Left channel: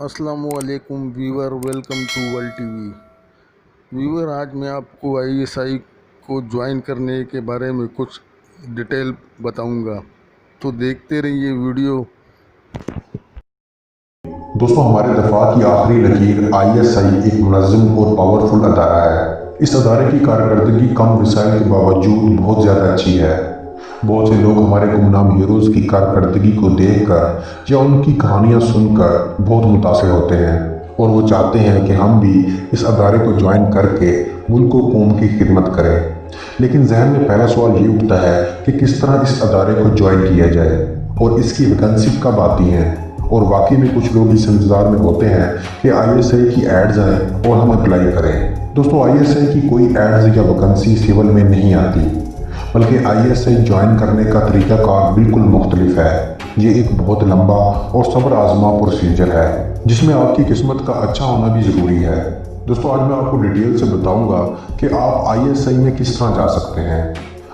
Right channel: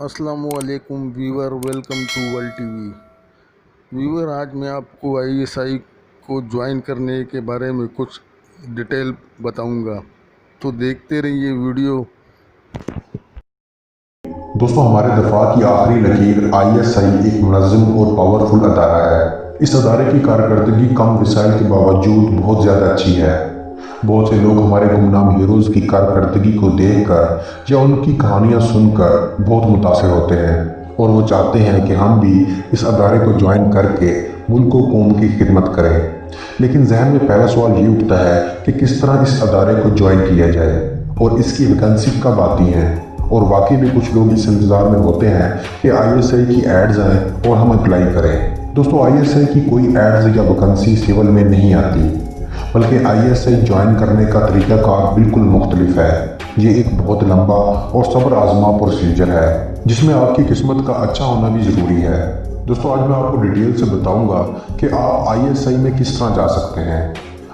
अस्सलाम वालेकुम viewer, welcome to world TV. Viewer, आज मैं आपको आईएसआई को ज्वाइन करने के बारे में कुछ डिटेल बताऊंगा, तो देखते रहिए वीडियो। दोस्तों, हमारे दफा की आखिरी लकीर आईएसआई एक मुनज़्ज़म और पावरफुल अदारा है। इस अदारे की कारकर्दगी कम वसाइल के बावजूद बहुत ज़्यादा अच्छी है। बहुत से लोग हमारे गुमनाम हीरोज़ की कारकर्दगी को देखकर या उनकी कहानियाँ सुनकर बहुत मुतासिर होते हैं और वो चाहते हैं कि हम भी इस अदारे को ज्वाइन करके मुल्क व कौम की खिदमत करें। लेकिन जहन में पहला सवाल ये उठता है कि किस तरह इस अदारे को ज्वाइन किया जाए और इसकी वैकेंसी कब आती हैं। और वाकई में कुछ लोग इस इंतज़ार में होते हैं कि आईएसआई की एड्स आए और हम अप्लाई करें। दोस्तों, आईएसआई की कोई एड्स या वैकेंसी सिविल में नहीं आती, बल्कि आईएसआई ज्वाइन करने का तरीक़ाकार बिल्कुल मुख्तलिफ है। ये एक बहुत लंबा और सब्र आज़मा प्रोसीजर है जिसमें आपकी किस्मत का अच्छा होना भी ज़रूरी है। दोस्तों, आज मैं आपको डिटेल से बताऊंगा कि आप आईएसआई में किस तरह जा सकते हैं।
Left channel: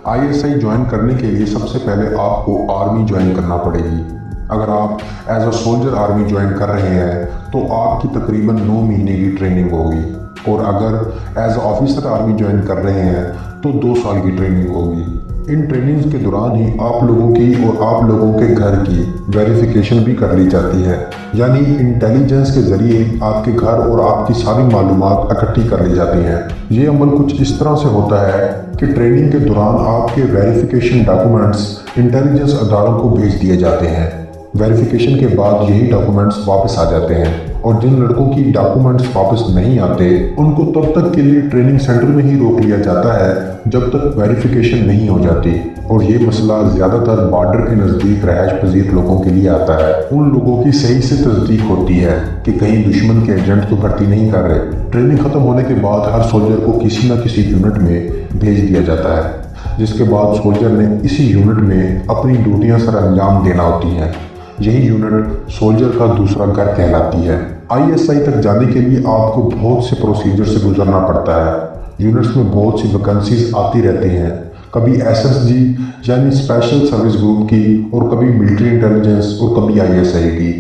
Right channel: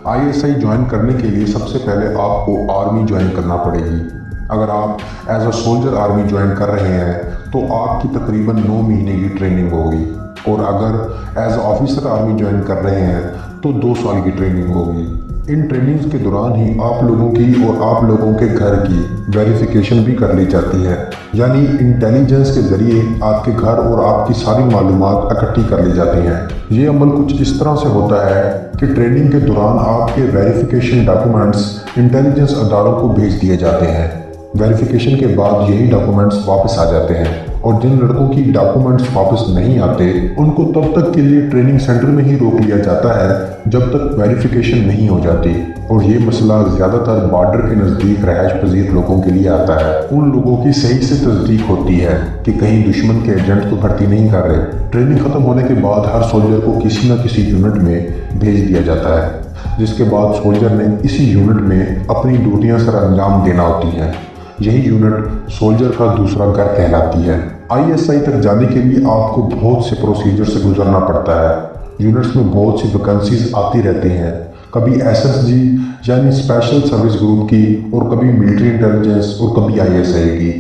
आईएसआई ज्वाइन करने के लिए सबसे पहले आपको आर्मी ज्वाइन करना पड़ेगी। अगर आप as a soldier army join कर रहे हैं तो आपकी तकरीबन 9 महीने की ट्रेनिंग होगी, और अगर as a officer army join कर रहे हैं तो 2 साल की ट्रेनिंग होगी। इन ट्रेनिंग्स के दौरान ही आप लोगों की और आप लोगों के घर की वेरिफिकेशन भी कर ली जाती है, यानी इंटेलिजेंस के जरिए आपके घर और आपकी सारी मालूमात इकट्ठी कर ली जाती हैं। ये अमल कुछ इस तरह से होता है कि ट्रेनिंग के दौरान आपके वेरिफिकेशन डॉक्यूमेंट्स इंटेलिजेंस अदारों को भेज दिए जाते हैं। वेरिफिकेशन के बाद यही डॉक्यूमेंट्स वापस आ जाते हैं, और जिन लड़कों की डॉक्यूमेंट्स वापस नहीं आते उनको तब तक के लिए ट्रेनिंग सेंटर में ही रोक लिया जाता है जब तक वेरिफिकेशन नहीं हो जाती। और ये मसला ज़्यादातर बॉर्डर के नज़दीक रहायश पजीर लोगों के लिए आता है। उन लोगों की सही से तस्दीक होती है कि कहीं दुश्मन के एजेंट को भर्ती नहीं कर रहे। ट्रेनिंग ख़त्म होने के बाद हर सोल्जर को किसी न किसी यूनिट में भेज दिया जाता है, जिसके बाद सोल्जर ने इसी यूनिट में अपनी ड्यूटियाँ सर अंजाम देना होती हैं। यही यूनिट सोल्जर का दूसरा घर कहलाती है। आईएसआई तक जाने के लिए आपको बहुत से प्रोसीजर से गुजरना पड़ता है। यूनिट्स में बहुत सी वैकेंसीज आती रहती हैं, कभी एसएसजी यानी स्पेशल सर्विस ग्रुप की, और कभी मिलिट्री इंटेलिजेंस, और कभी आईएसआई की।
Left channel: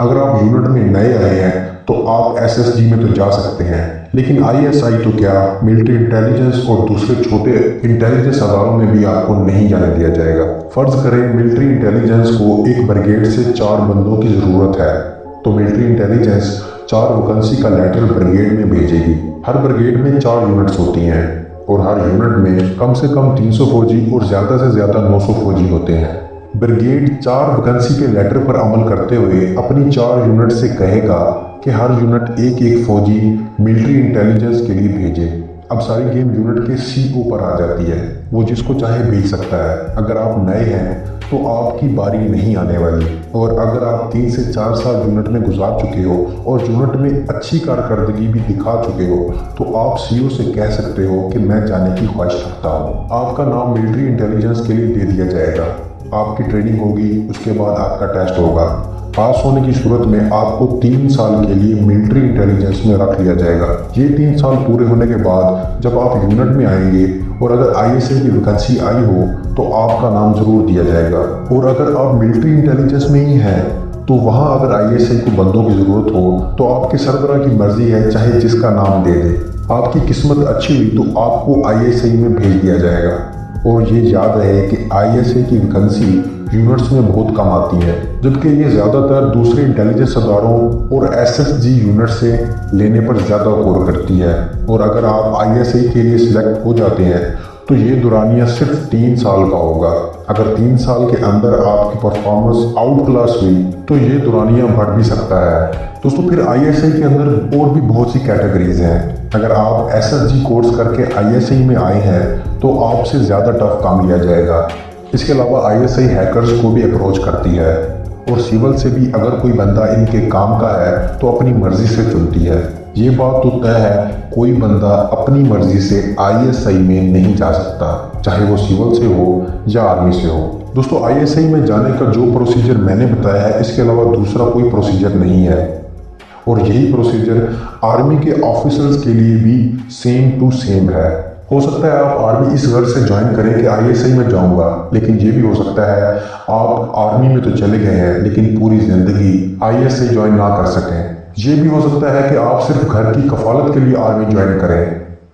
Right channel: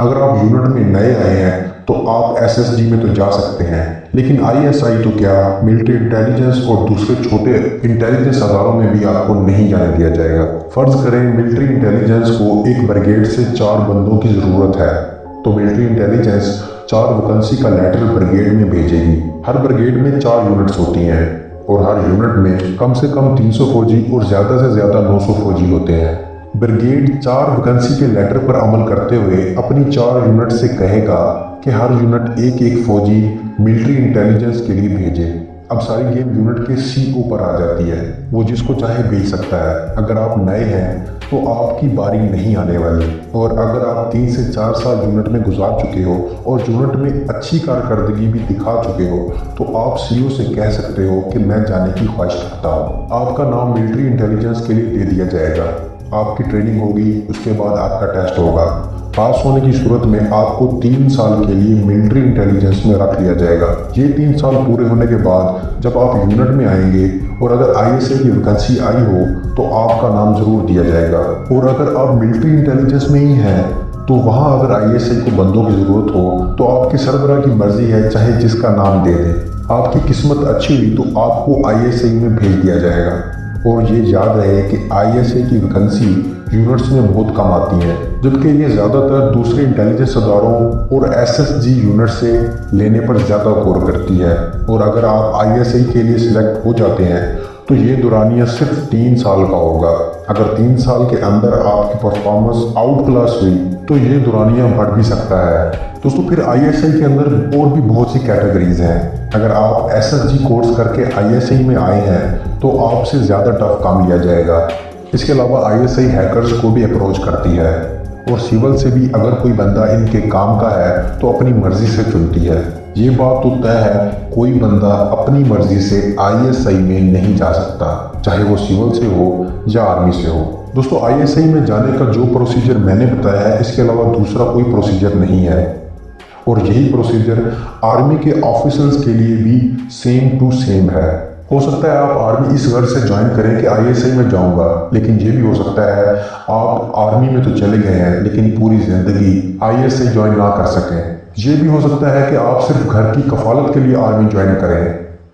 अगर आप यूनिट में नए आए हैं तो आप एसएसजी में तो जा सकते हैं, लेकिन आईएसआई तो क्या, मिलिट्री इंटेलिजेंस और दूसरे छोटे इंटेलिजेंस अदारों में भी आपको नहीं जाने दिया जाएगा। फर्ज करें मिलिट्री इंटेलिजेंस को एक ब्रिगेड से 4 बंदों की ज़रूरत है, तो मिलिट्री इंटेलिजेंस 4 वैकेंसी का लेटर ब्रिगेड में भेजेगी। हर ब्रिगेड में 4 यूनिट्स होती हैं, और हर यूनिट में कम से कम 300 फौजी और ज़्यादा से ज़्यादा 900 फौजी होते हैं। ब्रिगेड 4 वैकेंसी के लेटर पर अमल करते हुए अपनी 4 यूनिट से कहेगा कि हर यूनिट एक एक फौजी मिलिट्री इंटेलिजेंस के लिए भेजे। अब सारी गेम यूनिट के सीओ पर आ जाती है, वो जिसको चाहे भेज सकता है। अगर आप नए हैं तो आपकी बारी नहीं आने वाली, और अगर आप 3 से 4 साल यूनिट में गुजार चुके हो और यूनिट में अच्छी कारकर्दगी भी दिखा चुके हो तो आप सीओ से कह सकते हो कि मैं जाने की ख्वाहिश रखता हूँ। आपका नाम मिलिट्री इंटेलिजेंस के लिए दे दिया जाएगा, आपकी ट्रेनिंग होगी, उसके बाद आपका टेस्ट होगा। पास होने की सूरत में आपको 3 साल के लिए मिलिट्री इंटेलिजेंस में रख लिया जाएगा। ये 3 साल पूरे होने के बाद जब आप यूनिट में आएंगे और अगर आईएसआई की वैकेंसी आई हो तो आपका नाम जरूर दिया जाएगा। और अगर आप मिलिट्री इंटेलिजेंस में ही हैं तो वहाँ अगर आईएसआई को बंदों की ज़रूरत हो तो आपके सरबराह की मर्जी है, चाहे जिसका नाम दे दे। आपकी किस्मत अच्छी हुई तो आपको आईएसआई में भेज दिया जाएगा। और ये याद रहे कि आईएसआई की वैकेंसी यूनिट्स में बहुत कम आती है, जबकि ये ज़्यादातर दूसरे इंटेलिजेंस अदारों और एसएसजी यूनिट से लेने पर ज़्यादा गौर करती है। और अगर आप आईएसआई के लिए सिलेक्ट हो जाते हैं तो ये दौरानिया सिर्फ 3 साल का होगा। अगर 3 साल के अंदर आपकी परफॉर्मेंस आउट क्लास हुई तो ये दौरानिया बढ़ भी सकता है। दोस्तों, फिर आईएसआई के अंदर और भी बहुत सी कैटेगरीज हैं। अगर आप एसएसजी कोर्स करके आईएसआई में आए हैं तो आपसे ज़्यादा टफ काम लिया जाएगा। इसके अलावा आईएसआई हैकर्स को भी अप्रोच करती है, और सिविल से भी अगर कोई बंदा इनके काम का है तो अपनी मर्जी से चुनती है। ये बात तो तय है, कोई बंदा अपनी मर्जी से आईएसआई में नहीं जा सकता, चाहे वो सिविल से हो या आर्मी से हो। दोस्तों, आईएसआई में जाने का जो प्रोसीजर मैंने बताया है, इसके अलावा दूसरा कोई प्रोसीजर नहीं है, और यही प्रोसीजर आर्मी के ऑफिसर्स के लिए भी सेम टू सेम है। हो सकता है आप आर्मी इस गर्ज से ज्वाइन करें कि आईएसआई में जाऊंगा, लेकिन ये भी हो सकता है आप आर्मी में तो चले गए हैं लेकिन पूरी ज़िंदगी आईएसआई ज्वाइन ना कर सकें। یہ بھی ہو سکتا ہے کہ آپ صرف گھر کی کفالت کے لیے آرمی جوائن کریں،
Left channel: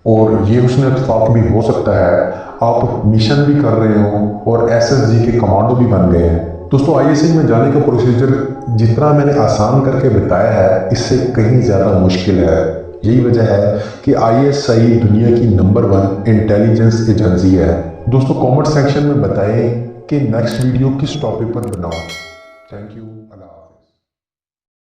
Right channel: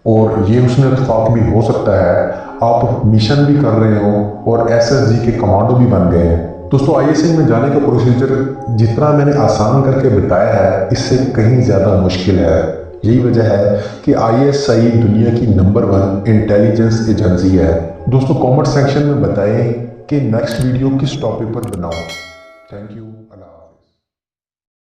اور یہ حسن اتفاق بھی ہو سکتا ہے آپ مشن بھی کر رہے ہوں اور SSG کے کمانڈو بھی بن گئے ہیں۔ دوستو ISI میں جانے کا پروسیجر جتنا میں نے آسان کر کے بتایا ہے اس سے کہیں زیادہ مشکل ہے۔ یہی وجہ ہے کہ ISI دنیا کی نمبر 1 انٹیلیجنس ایجنسی ہے۔ دوستو کامنٹ سیکشن میں بتائیں کہ نیکسٹ ویڈیو کس ٹاپک پر بناؤں۔ Thank you.